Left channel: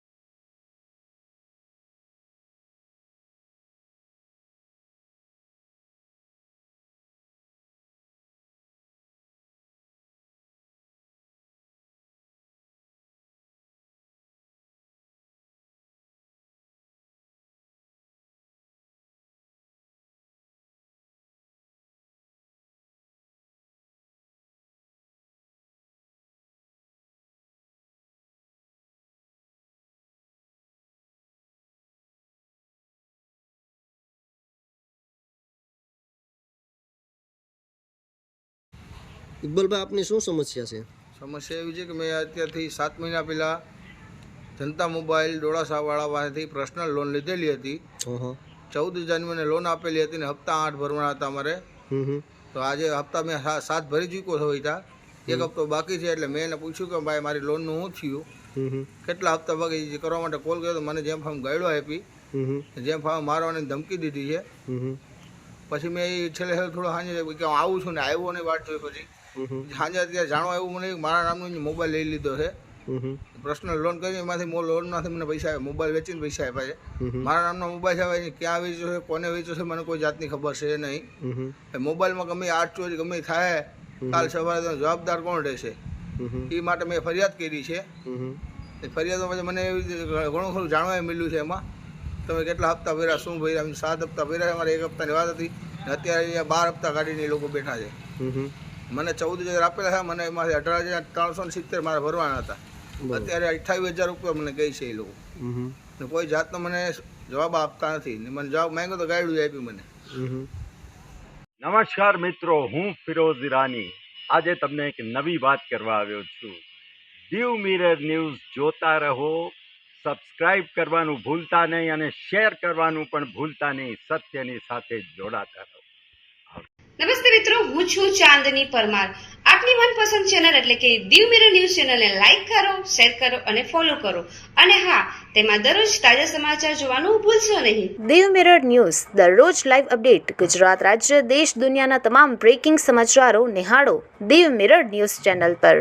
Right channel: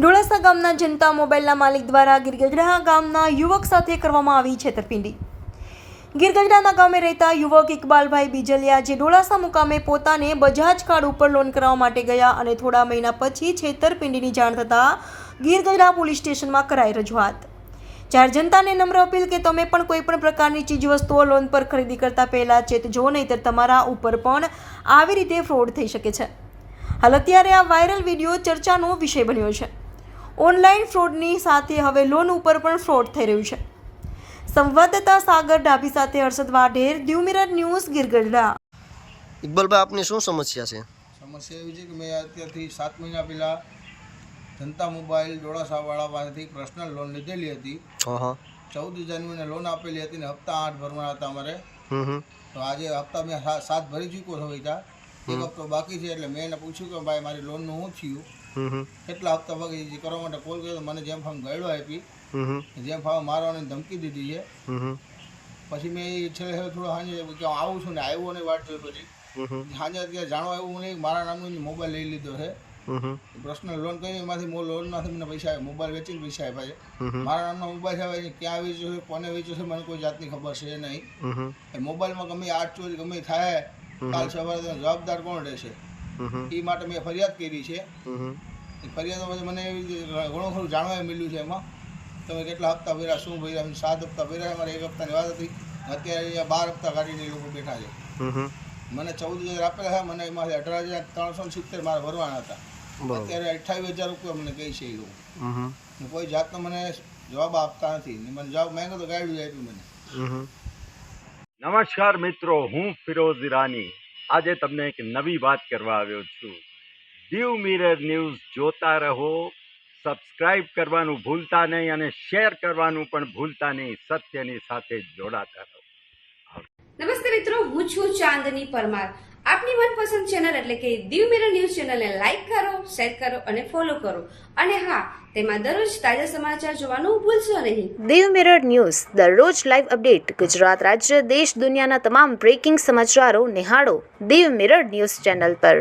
ડોળાસા ગામના જનતા મોબાઈલના માલિક દ્વારા ગીરગઢડા ગામના યુવક સાથે કરવામાં આવી છેતરપિંડી। ગીરગઢડાના ગામે રહેતા યુવક ઇકબાલભાઈ બીજલિયા જે ડોળાસા મુકામે પોતાને બજાજ કાર્ડ ઉપર લોન કરાવવા માટે ગયા અને થોડા મહિના પછી છેતરપિંડીની જાણ થતાં ગીરગઢડા પોલીસ સ્ટેશનમાં કરાઈ રજૂઆત। જ્યારે જનતાને નમ્ર અપીલ કે તમે પણ કોઈ પણ પ્રકારની ચીજવસ્તુઓ લોન પર ખરીદી કરતા પહેલા ચેતજો, નહીંતર તમારા ઉપર પણ આવી રીતે ફ્રોડ થઈ શકે છે। હાલ અત્યારે આ વાયરલ વિડીયો ચર્ચાનો વિષય બન્યો છે। ઓનલાઈન ફ્રોડની સાથે હવે લોન ઉપર પણ ફ્રોડ થઈ રહ્યું છે। સંવાદદાતા સાગર ડાભી સાથે હર્ષદ વાઢેર, દીવ મિરર ન્યૂઝ, ગીરગઢડા। ઇકબાલભાઈ, આપની શું સમસ્યા છે? સમસ્યા એવી છે કે મેં અત્યારથી 7 મહિના પહેલાં જનતા મોબાઈલ ડોળાસાવાળા પાસેથી પર્સનલ લોન લીધેલી હતી। 14,000ની મને લોન આપેલી હતી ને હપ્તા 8 ભરવાના હતા અમારે। તો આજે હપ્તા મેં 7 ભરી ચૂક્યો છો હતા, 1 હપ્તો બાકી છે। એટલે મેં એને પૂછ્યું કે ભાઈ મારી લોનનું શું થયું, કેટલા હપ્તા બાકી કરવા માટે કોલ કર્યો તો મને જેમ ફામ ગાઈડો આપી, જેમ ફામ મારવાની ધમકી દીધી છે। પછી મેં એ છેલ્લે થોડો સાંજે કે આવું છું ને આવ્યો નહીં વાટ જોઈ, પછી સાંજે અત્યારે જાણવા આવ્યું મને મારા નામનો મોબાઈલ લઈ લીધો છે। પર્સનલ લોન કરી એમાંથી લોનમાંથી મને પૈસા આવ્યા, મોબાઈલ વેચીને પૈસા આપ્યા છે। મારા નામનો મોબાઈલ આવે છે, ક્યાં વેચ્યો છે, કોને વેચ્યો છે, મને કોઈ જાતની ખબર છે નહીં। મોબાઈલમાં ગમે આઠ ચોરી ગમે થાય, કાલ સવારે તો જવાબદાર કોણ રહેશે? એ માટે મેં ફરિયાદ કરી છે। ફરિયાદમાં પછી મને એવી રીતે ઘણું ખરું જાણવા મળ્યું છે એમાં તમે કેટલા હપ્તા ભર્યા, શું ભર્યા। 7 હપ્તા ભર્યા, અમારે 1 હપ્તાની વાત હતી, અત્યારે અહીંયા 12 હપ્તા કાઢીને એ લોકો બેઠા છે। મને 14,000 આપેલા છે, મને એમાંથી 18,370 મારે ભરવાના હતા। અત્યારે 28,000 રૂપિયા મને કહી છે એ લોકો, કોઈ જાતનો મને જવાબ આપતા નથી ને મને જવાબ માંગ્યો તો ગાઈડ આપી મને। નમસ્કાર મિત્રો, હું ફિરોઝ ઈરાની આજે તમને એક નવી વાત કરવા આવ્યો છું। દીવ મિરર ન્યૂઝ જોતા રહો, સબસ્ક્રાઇબ કરવાનું ભૂલતા નહીં અને શેર કરવાનું પણ ભૂલતા નહીં। સત્યની સાથે જોડાતા રહો। નમસ્તે મિત્રો, હું છું ચાંદની પરમાર। આપની મનપસંદ ચેનલ એટલે કે દીવ મિરર ન્યૂઝ ચેનલને લાઈક કરો, શેર કરો અને ફોલો કરો, અને હા, તેમાં દરરોજ તાજા સમાચાર જોવાનું ભૂલશો નહીં। દીવ મિરર ન્યૂઝ દરરોજ લાઈવ અપડેટ, ગુજરાત રાજ્ય, દેશ દુનિયાના તમામ બ્રેકિંગ સમાચારો નિહાળો દીવ મિરર ન્યૂઝ ચેનલ પર।